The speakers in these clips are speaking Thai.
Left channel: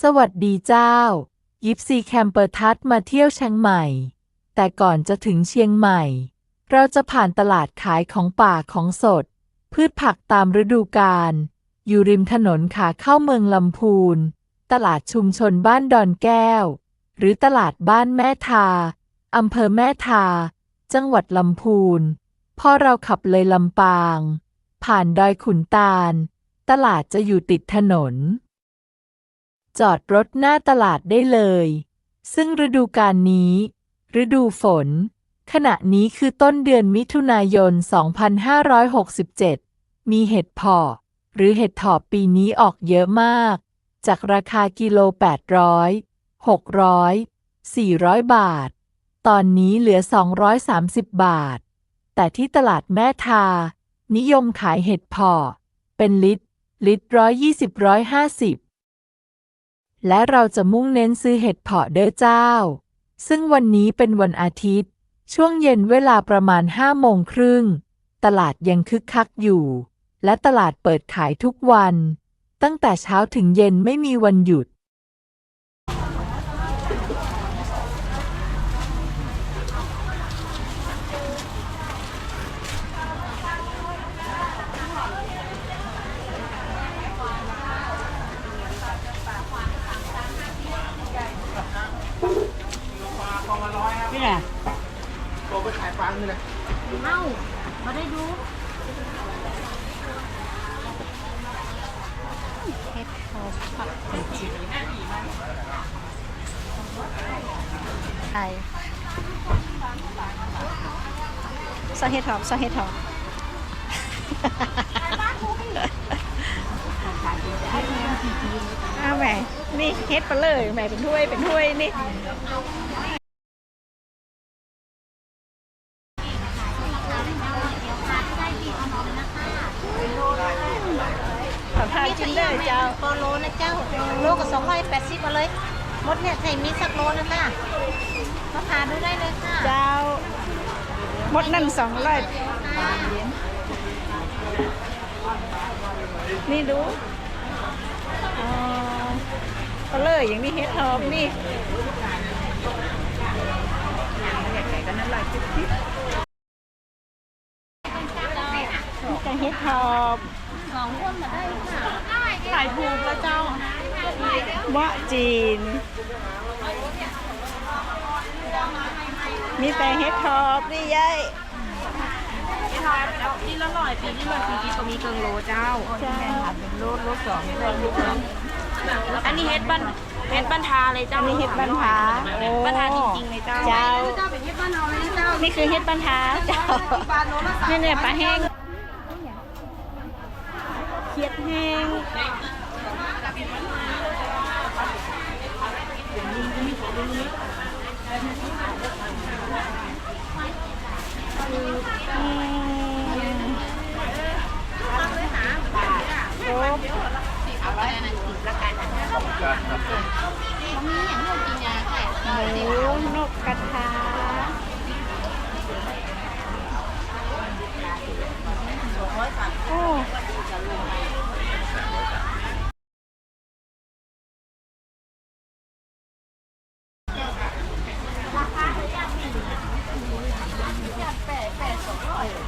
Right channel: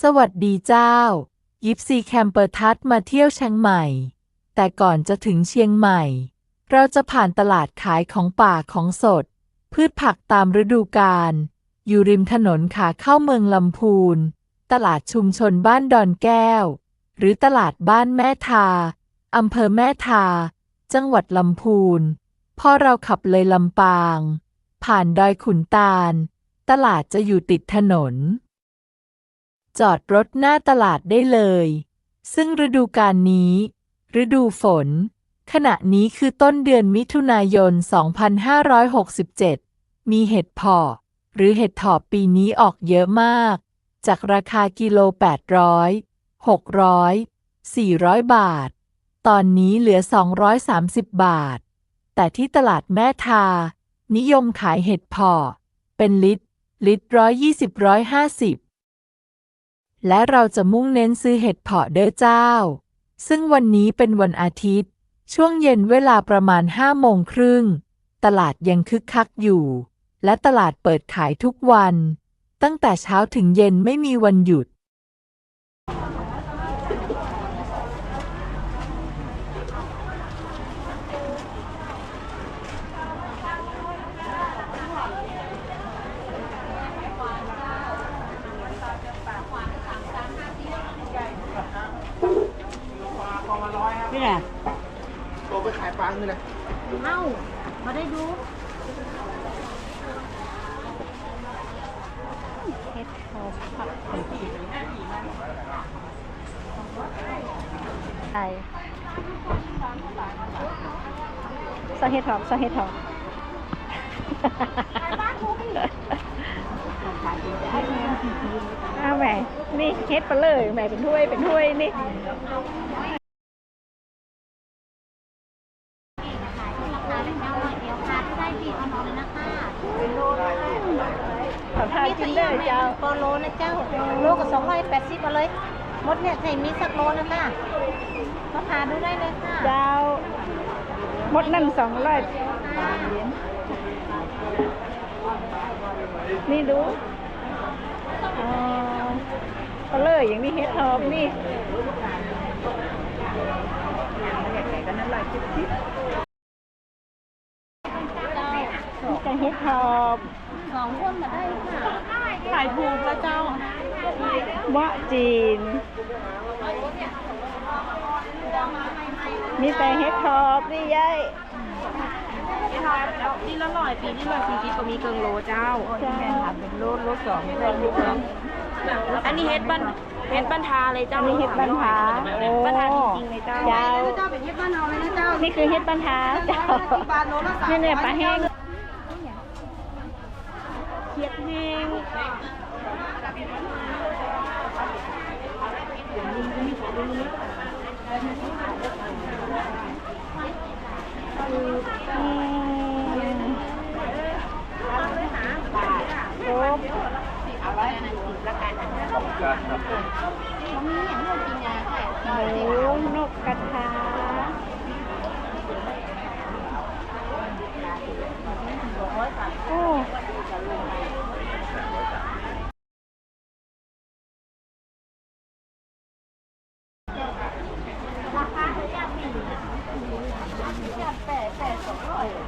สวัสดีเจ้า ยิปซีแคมเปอร์ทัสมาเที่ยวเชียงใหม่ แต่ก่อนจะถึงเชียงใหม่ เราจะผ่านตลาดขายของป่าของสด พืชผักตามฤดูกาลอยู่ริมถนนขาเข้าเมืองลำพูน ตลาดชุมชนบ้านดอนแก้ว หรือตลาดบ้านแม่ทาอำเภอแม่ทา จังหวัดลำพูน พอเราขับเลยลำปาง ผ่านดอยขุนตาล ตลาดจะอยู่ติดถนน จอดรถหน้าตลาดได้เลย ซึ่งฤดูกาลนี้ ฤดูฝน ขณะนี้คือต้นเดือนมิถุนายน 2567 มีเห็ดพาะหรือเห็ดถอบปีนี้ออกเยอะมาก จากราคากิโล 800 600 400 บาท ตอนนี้เหลือ 230 บาท แต่ที่ตลาดแม่ทา นิยมขายเห็ดพาะเป็นลิตร ลิตรร้อยยี่สิบร้อยห้าสิบ และเราจะมุ่งเน้นซื้อเห็ดเพาะเด้อเจ้า ซึ่งวันนี้เป็นวันอาทิตย์ ช่วงเย็นเวลาประมาณห้าโมงครึ่ง ตลาดยังคึกคักอยู่ และตลาดเปิดขายทุกวัน ตั้งแต่เช้าถึงเย็นไม่มีวันหยุด นี่แหละ โตไปขายปัง นี่แหละเอ้ามาได้ดูเฮ็ดโทผักขมจีไอซอสเฮ็ดหอมซอสเฮ็ดหอมเอาแหม่นี่เฮ็ดไปเลยแหม่เป็นถ้วยเป็นถ้วยนี่ ขอทาน มี กิ ถุ น ง ได้ ยาง เจ้า โปโลนะเจ้า โลกับสองร้อย แปดสิบมาเลยมดเนี่ยไทยมีสักโลนะค่ะมาทานดูได้เลยค่ะเจ้าหมดนั่นสองร้อยนี่ดูอ๋อเอาเลยอย่างนี้เฮ็ดหอมนี่นี่จะเฮ็ดหอมสองคนมาได้ค่ะขายถูกแล้วเจ้าเวะจีน มีแต่เฮ็ดทอบนี่ยายนี่ละร้อยปีนี่ร้อยปีปีก็มีเกิงโลเจ้าเจ้าเป็นโลโลสองอันนี้เฮ็ดบ้านเฮ็ดบ้านทาเลยเจ้าอันนี้เฮ็ดบ้านผาโอ้บ้านทาจริงๆเลยเจ้าเจ้าเจ้าเป็นเฮ็ดบ้านเราเลยนะเจ้านี่คือเฮ็ดปัญหาเจ้าบาทโลละสามนี่เนี่ยปลาแห้งเขียดแห้ง อืมโอ้ เอาร้อยอันนั้นสิบละกันมีอย่างนู้นกินยาค่ะ หมูนกกระทาโอ้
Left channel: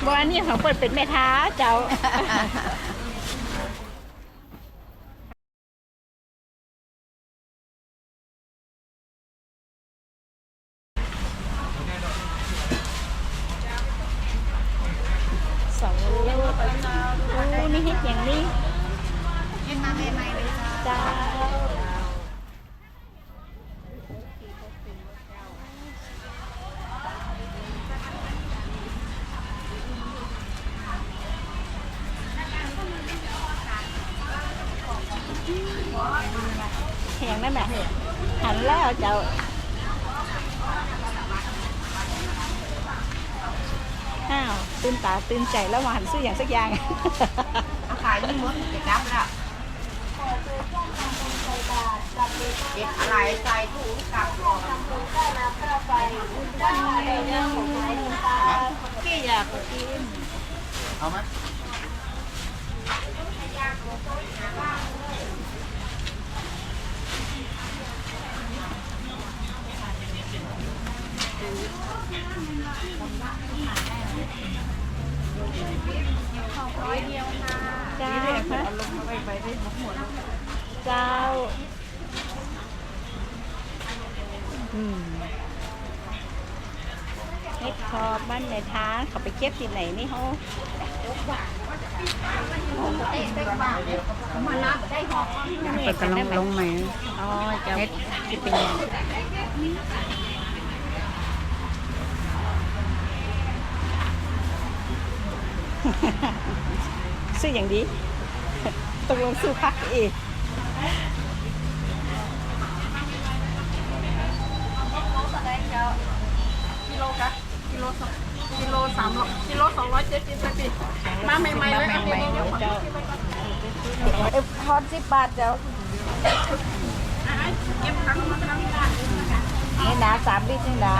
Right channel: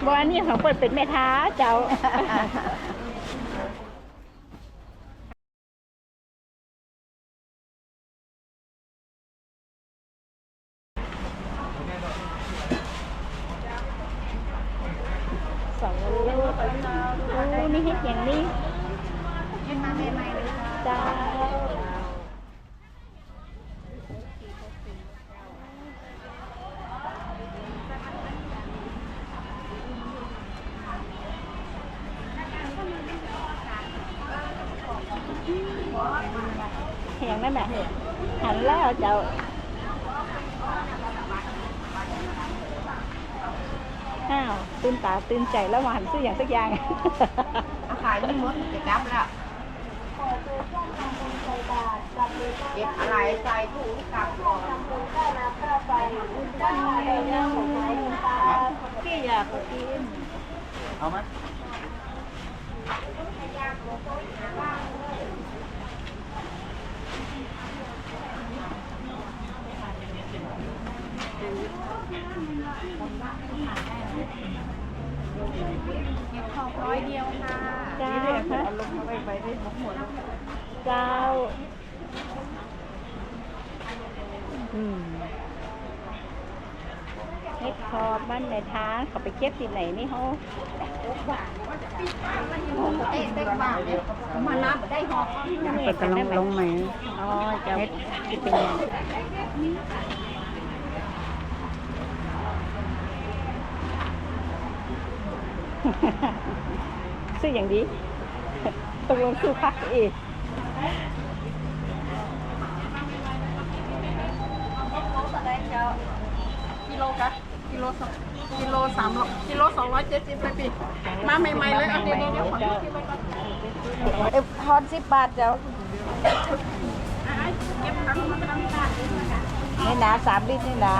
บอั นนี้ของเปิดเป็นแม่ท้าเจ้า สองลูกโอ้นี่เฮ็ดอย่างนี้ เฮ็ดมาใหม่ๆเลย จ้า นั่นแหละหันแล้วเจ้าอ้าวตื่นตาตื่นใจแล้วมาหันซื้ออย่างสักอย่างอาขายนี่มดจะกลับแล้วเก็บอะไรใส่ถุงกลับก่อนพี่อยากกินเอาไหม ร้อยเดียวค่ะจ้าวเน็ดชอบมันในท้าเขาไปเก็บที่ไหนนี่เขาเต้เต้บ้ามานับได้หอก เปิดกระลงลงไหมอ๋อเจ้าเฮ็ดที่เป็น ซื้ออย่างดีตกลงซื้อพักเองกิโลกะกิโลสองกิโลสามร้อยกิโลสองร้อยเจ็ดสิบไปปีมาใหม่ๆเลยเอาเดี๋ยวเดี๋ยวขอคิดไว้ก่อนเอฟทอนสิบบาทเจ้าอะเก็บทั้งมาทั้งบ้านนี่นะสามลิตรนี่นะ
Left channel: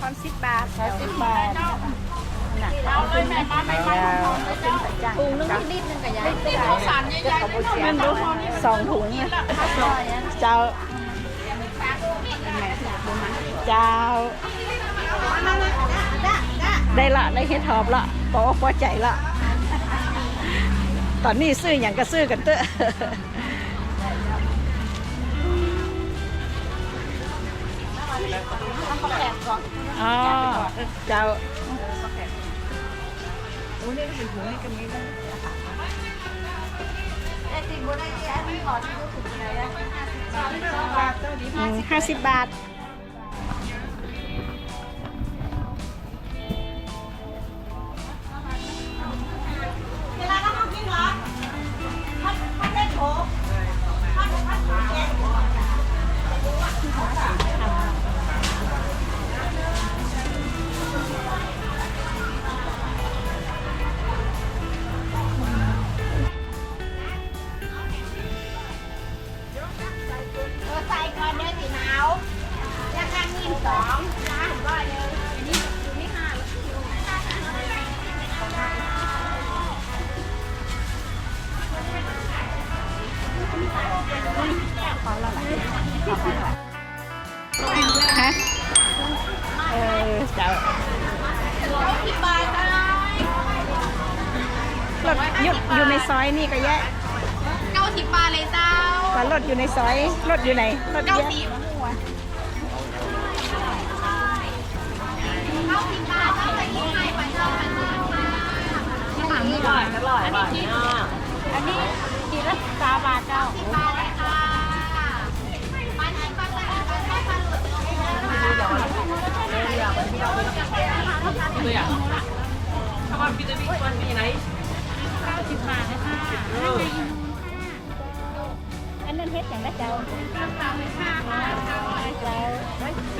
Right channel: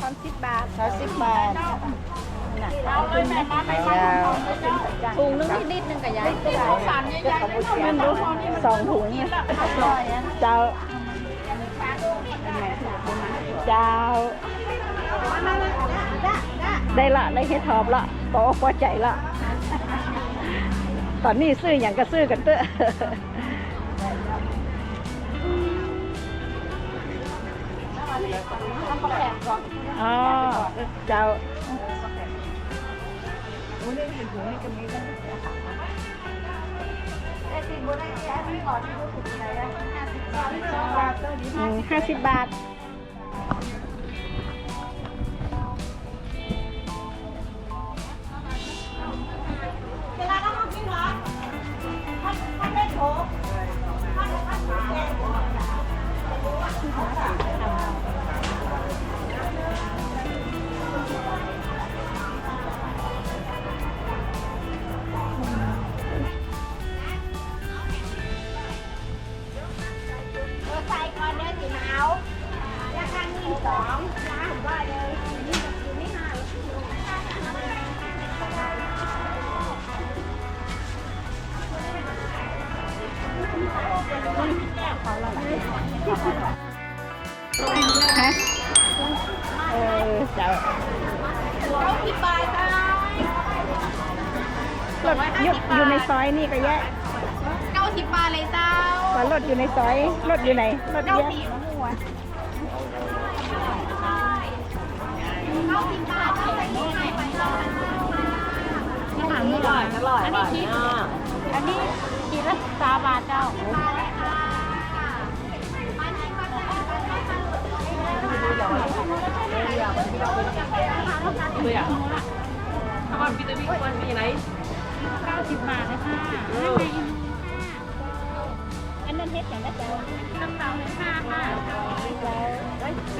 ตอนสิบบาททอนสิบบาท เอาเลยแม่มาใหม่ๆเจ้าถุงนึงนิดนึงกับยายข้าวสารใหญ่ๆเลยมันดูพอนี่สองถุงเนี่ยเจ้าเจ้าได้ละได้เฮ็ดทอบละพอพอใจละตอนนี้ซื้ออย่างก็ซื้อกันเตอะอ๋อเจ้า ห้าสิบบาท รถอยู่อยู่ในซอยนี่ก็แยะเก้าสิบบาทเลยเจ้าว่ารถอยู่ในซอยรถอยู่ไหนรถเยเก้าอะสิบหัวเก้าสิบบาทเท่าไหร่ที่ให้ไปเท่าไหร่ที่ถามนี่ก่อนอร่อยอันนี้ที่อันนี้กี่ละสามบาทเจ้าบาทเลยค่ะมันให้มันเลยตัวอย่าง สิบาทเลยค่ะน้ำใจอินดูค่ะอันนั้นเฮ็ดอย่างละเจ้าน้ำตาลเลยค่ะค่ะ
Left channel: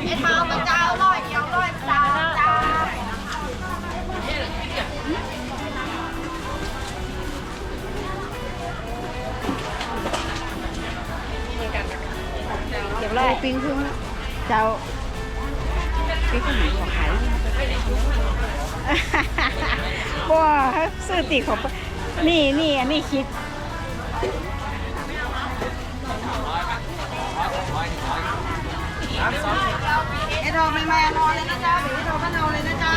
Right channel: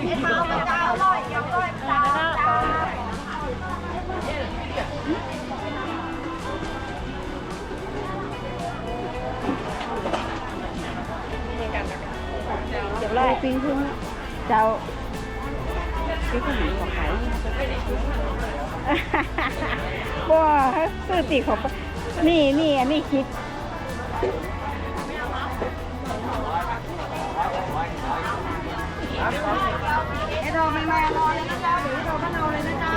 เฮ็ดมาเอามาเจ้าร้อยเดียวอร่อยเจ้าเจ้าเดี๋ยวเราปิ้งขึ้นเจ้าปิ้งขนมของขายบ่ซื้อตีของ นี่นี่อันนี้คิดไอ็นโดไม่แม่นอนเลยนะเจ้าเดี๋ยวเอ็นโดก็เอาเลยนะเจ้า